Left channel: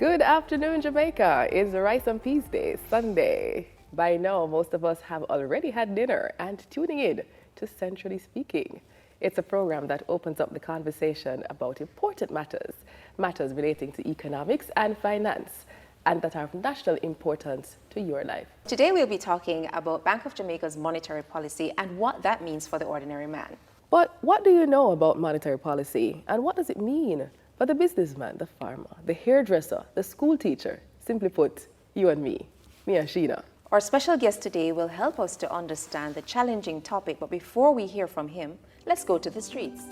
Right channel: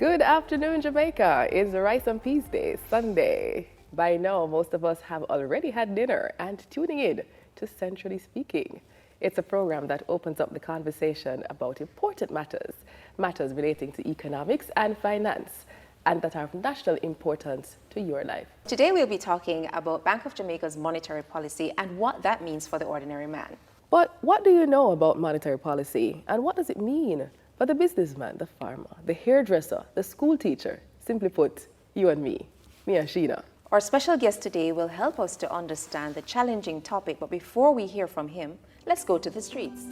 Good afternoon, Jamaica. It's Rice and Peas Day, Sunday. By now, most of us have already had dinner and tuning in to Centrally Speaking. It's a program that opens up the conversation about important matters relating to economics and finance, and that are of national importance to your life. Today we'll be talking about Bank of Jamaica's monetary policy and what that means for the ordinary man. But what do you know about monetary policy, and what does it mean for the businessman, the farmer, the hairdresser, the school teacher? Simply put, you and me and Sheena. Our special guest today will help us to understand the challenging topic, but before we hear from him, let's go to the streets.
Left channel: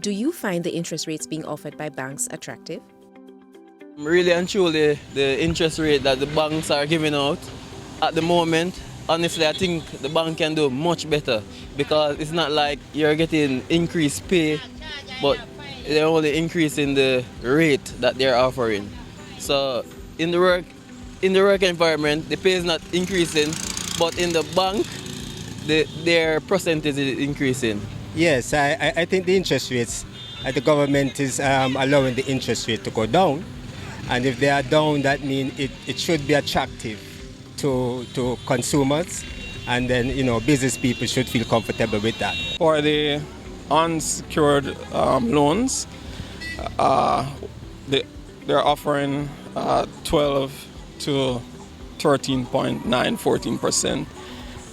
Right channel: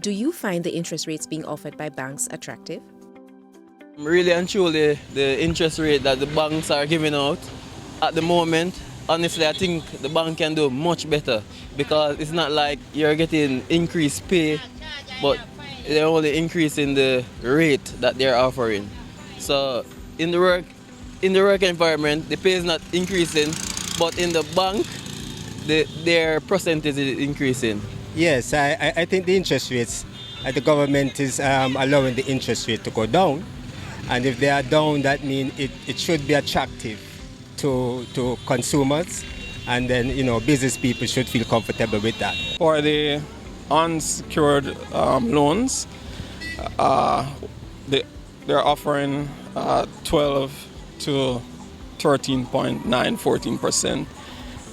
Do you find the interest rates being offered by banks attractive? Really and truly, the interest rate that the banks are giving out at the moment, honestly, I think the bank can do much better, because it's not like you're getting increased pay, but they're only increasing the rate that they're offering. So in the work environment, the pay is not increasing, but in the bank, their percentage is increasing. Yes, I think the interest rates, the government is allowing the interest rate to go down. And if they are down, that means it should be attractive to consumers. And then, business people should feel comfortable with that. For the unsecured loans, they're offering 12 to 13.9, 14%.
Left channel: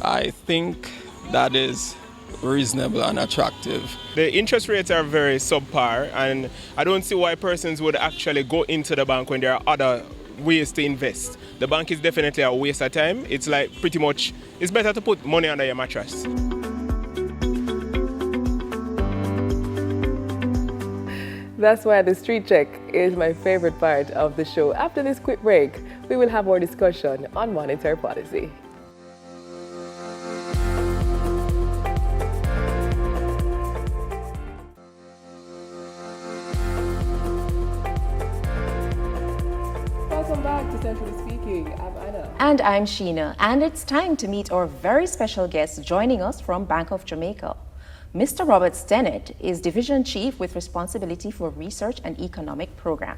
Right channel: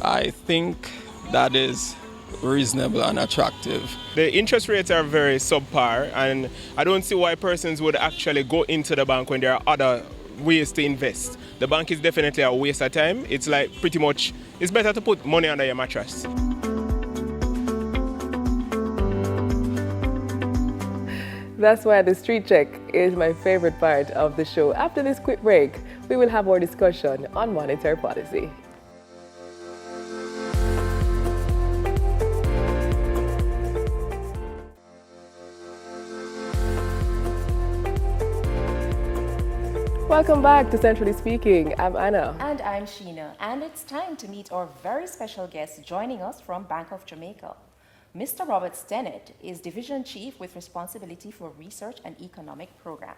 I think that is reasonable and attractive. The interest rates are very subpar, and I don't see why persons would actually go into the bank when there are other ways to invest. The bank is definitely a waste of time. It's like pretty much, it's better to put money under your mattress. That's why the street check is my favorite part of the show. After this quick break, we will have our discussion on monetary policy. Welcome back to Centrally Speaking. I'm Anna. And I'm Sheena. And it's time to meet our very special guest joining us from Bank of Jamaica. Mr. Robert Stennett is Division Chief with responsibility for Research and Economic Program.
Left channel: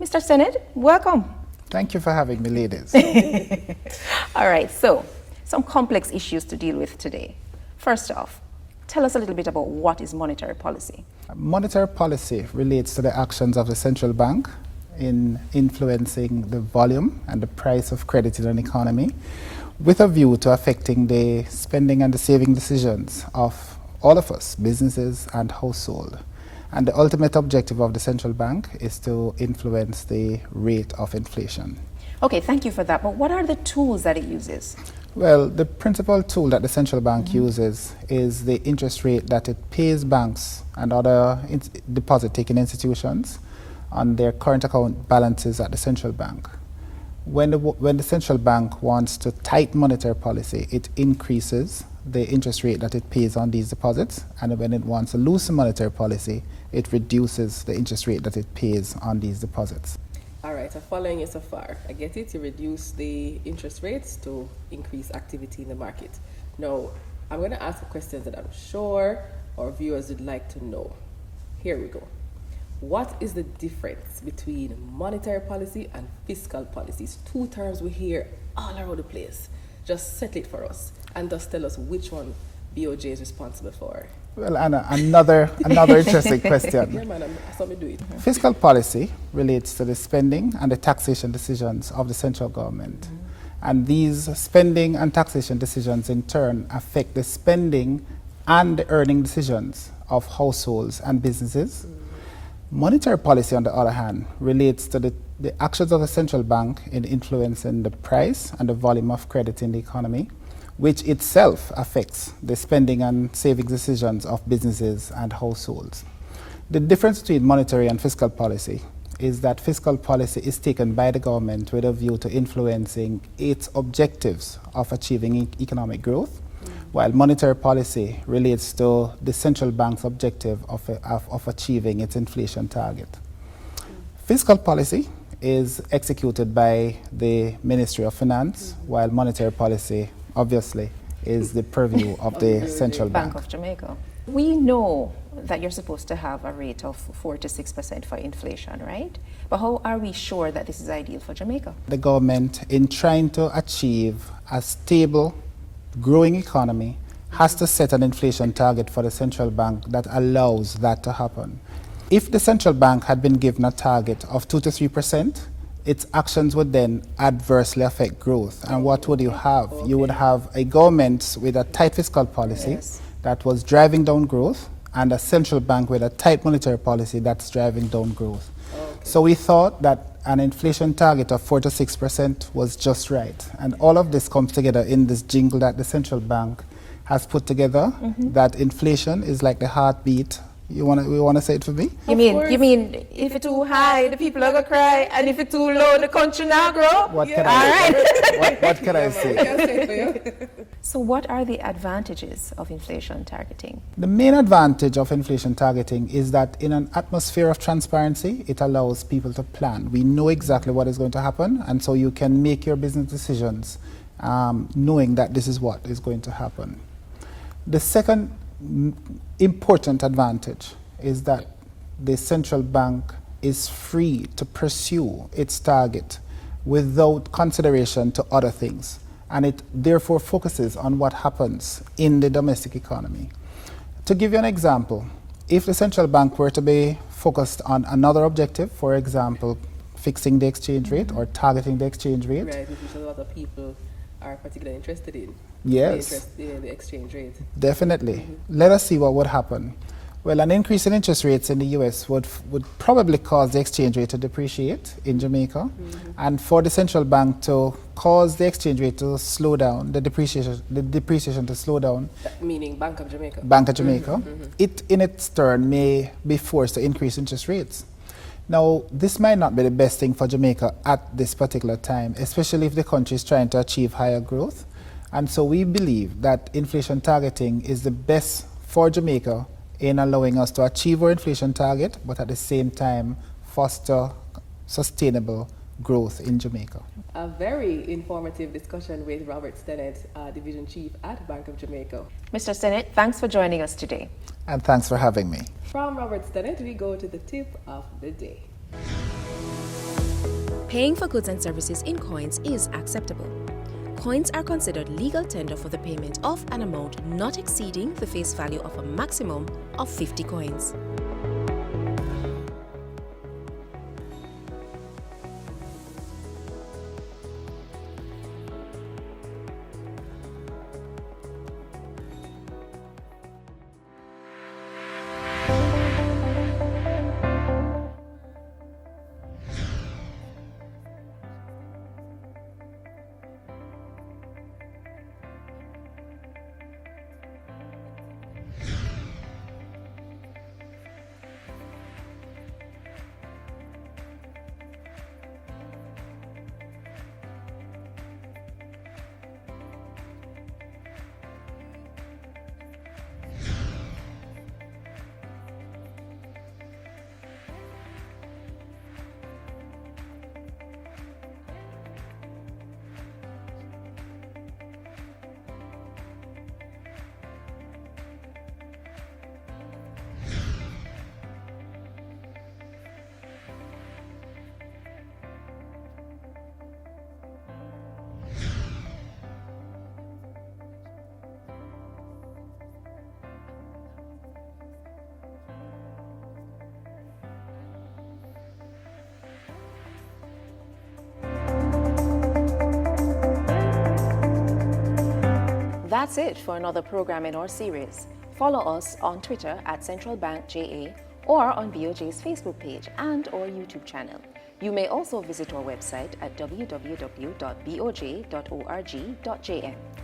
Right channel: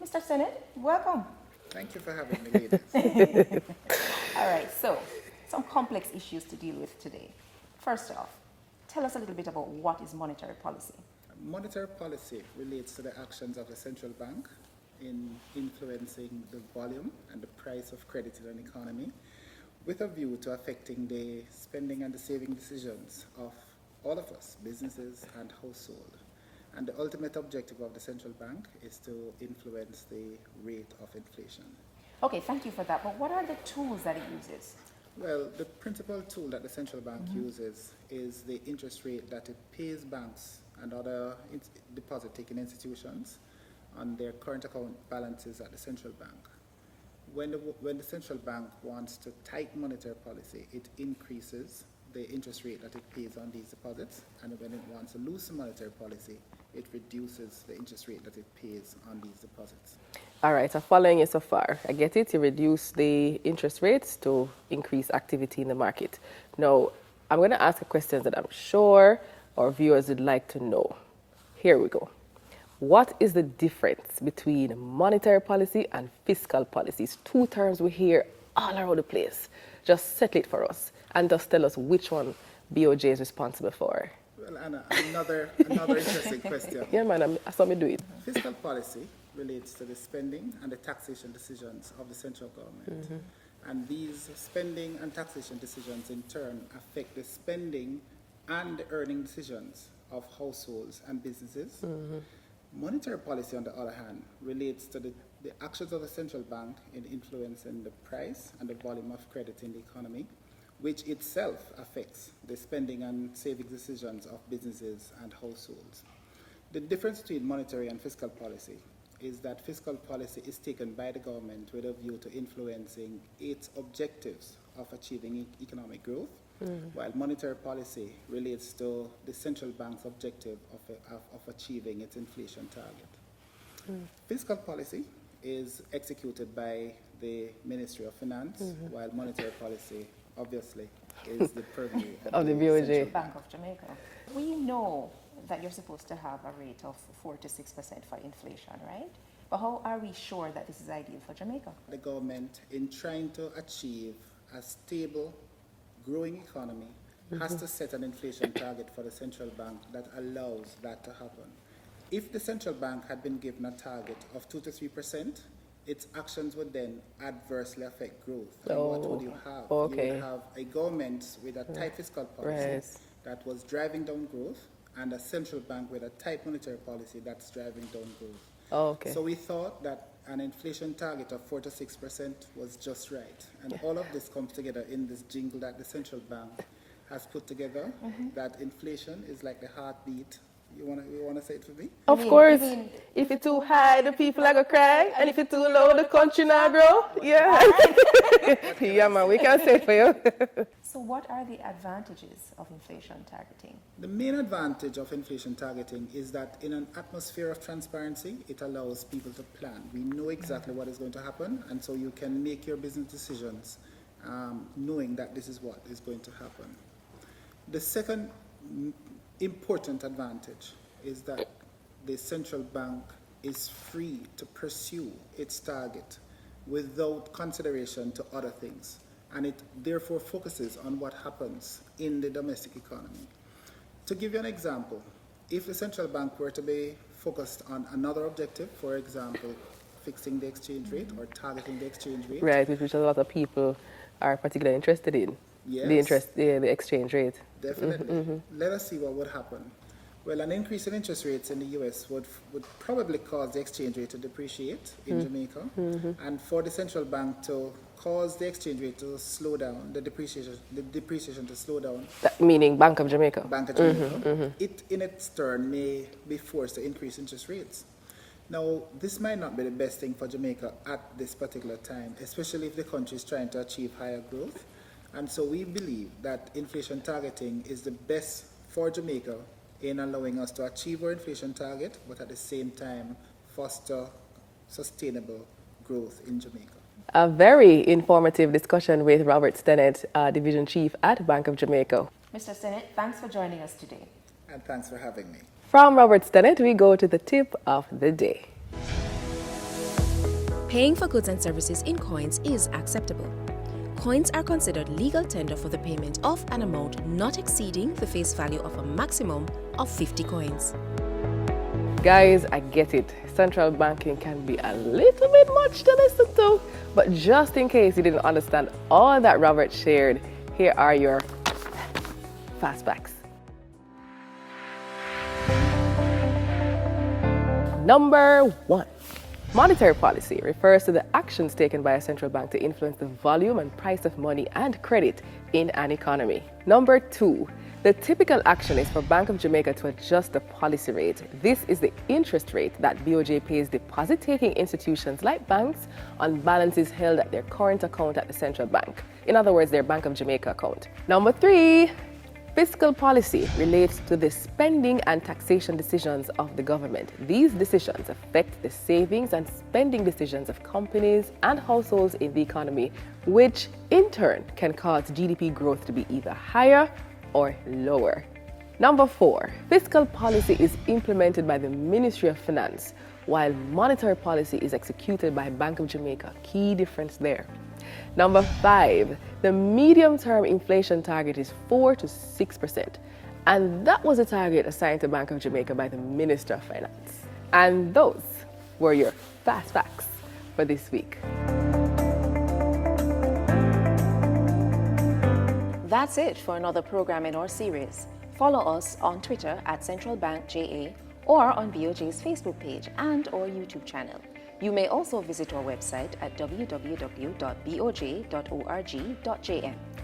Mr. Stennett, welcome. Thank you for having me, ladies. All right, so some complex issues to deal with today. First off, tell us a little bit about what is monetary policy. Monetary policy relates to the actions of the central bank in influencing the volume and the price of credit in an economy, with a view to affecting the spending and the saving decisions of all of us, businesses and households. And the ultimate objective of the central bank is to influence the rate of inflation. Okay, thank you for that. But what are the tools that it uses? Well, the principal tool that the central bank uses is the interest rate that it pays banks and other deposit-taking institutions on their current account balances at the central bank. When the central bank wants to tighten monetary policy, it increases the interest rate that it pays on these deposits, and when it wants to loosen monetary policy, it reduces the interest rate that it pays on these deposits. All right, so following you so far, I get it, you reduce the interest rates to increase activity in the market. Now, I'm going to ask a question that I'm sure our viewers would like to know. Here we go. What is the difference between monetary policy and fiscal policy? It's two terms we hear all around the place. Just settle it for us and just tell us which one BOJ is responsible for. Well, Anna, another interesting question. Yeah, man, I saw me do it. Fiscal policy relates to the spending and the taxation decisions of the central government. And these spending and taxation decisions in turn affect the spending and the earning decisions of households and businesses. Monetary policy, on the other hand, relates to the actions of the central bank in influencing the price and the volume of credit in the economy, which itself affects the spending and saving decisions of businesses and households. The difference between monetary and fiscal policy is that fiscal policy is taken by the government with a view to influencing its objectives of achieving economic growth, while monetary policy relates to the central bank's objective of achieving its inflation target. Fiscal policy is executed by the Ministry of Finance, while monetary policy, obviously, is the purview of the central bank. Bank of Jamaica. We know that you're supposed to have a rate of 4 to 6% for inflation, right? But how are we sure that this is ideal for Jamaica? The government, in trying to achieve a stable, growing economy, has to set an inflation target for the central bank that allows that to happen. If the central bank had been given a target of 2 to 3%, its actions would then adversely affect growth. And what would you have? Okay. You would have a government with a tight fiscal policy Yes. that was driving down growth, and a central bank with a tight monetary policy that's driving down growth. Okay. So we thought that an inflation target of 4 to 6% was just right. And all of this comes together in this jingle that the central bank has put together, that inflation is like the heartbeat. We want to say it for me? You mean If it's too high, the people are going to cry, and if it's too low, the country now grow. What can I say? What can I Man, say? we can say it for you. So what are the advantages of inflation targeting? The main advantage of inflation targeting is that in an atmosphere of transparency, it allows people to plan. We know exactly what is going to happen, and so you can make your business decisions knowing that this is what is going to happen. The second important advantage is that the central bank is free to pursue its target without consideration to other things, and it therefore focuses on what happens in the domestic economy. To give you an example, if the central bank were to be focused on another objective, for example, fixing the exchange rate or targeting the exchange rate. Right, which a lot of people are particularly interested in. Yes. The exchange rate. Definitely. Let us see what would happen. Well, an increase in interest rates in the US would probably cause the exchange rate to depreciate in Jamaica. And for the central bank to cause the exchange rate to slow down, the depreciation to slow down. That meaning Bank of Jamaica. Bank of Jamaica. It in its turn may be forced to increase interest rates. Now, this might not be the best thing for Jamaica at this particular time, especially if the country is trying to achieve higher growth. And so we believe that inflation targeting is the best for Jamaica in allowing us to achieve our inflation target, but at the same time foster sustainable growth in Jamaica. A very informative discussion with Robert Stennett, Division Chief at Bank of Jamaica. Mr. Stennett, thanks for joining us today. And thanks for having me. From Robert Stennett, we go to the tip of the day. Paying for goods and services in coins is acceptable. Coins are considered legal tender for the payment of an amount not exceeding the face value of a maximum of 50 coins. Guys, I get it. Central banking can be a little bit much to listen to. But just in case you didn't understand all that Robert shared, here are your fast facts. Number 1. Monetary policy refers to the actions taken by a central bank to influence the volume and price of money and credit in an economy. Number 2. The typical action is for Bank of Jamaica to adjust the policy rate. This is the interest rate that BOJ pays deposit-taking institutions like banks on balances held at their current account at the central bank. In other words, their Bank of Jamaica account. Number 3. Fiscal policy relates to the spending and taxation decisions of the government. These decisions affect the savings and spending decisions of companies and households in the economy, which in turn can cause GDP growth to be either higher or lower. Number 4, fiscal policy is implemented by the Ministry of Finance, while monetary policy is executed by Bank of Jamaica. Key difference there. Number 5, the medium-term inflation target is 4 to 6%, and that was a target assigned to Bank of Jamaica by the Minister of Finance. And those were your fast facts for this week. That's it for another program in our series. Follow us on Twitter at Central Bank JA or on BOJ's Facebook page and our YouTube channel. You may also visit our website at www.boj.org.jm.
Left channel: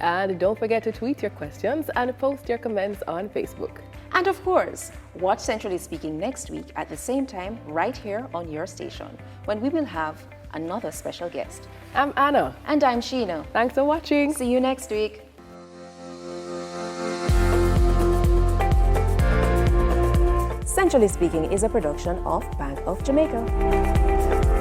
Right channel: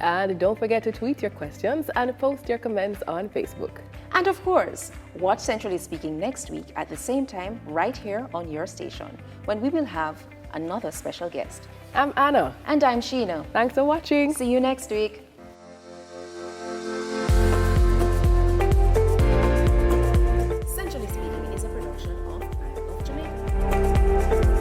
And don't forget to tweet your questions and post your comments on Facebook. And of course, watch Centrally Speaking next week at the same time right here on your station when we will have another special guest. I'm Anna. And I'm Sheena. Thanks for watching. See you next week. Centrally Speaking is a production of Bank of Jamaica.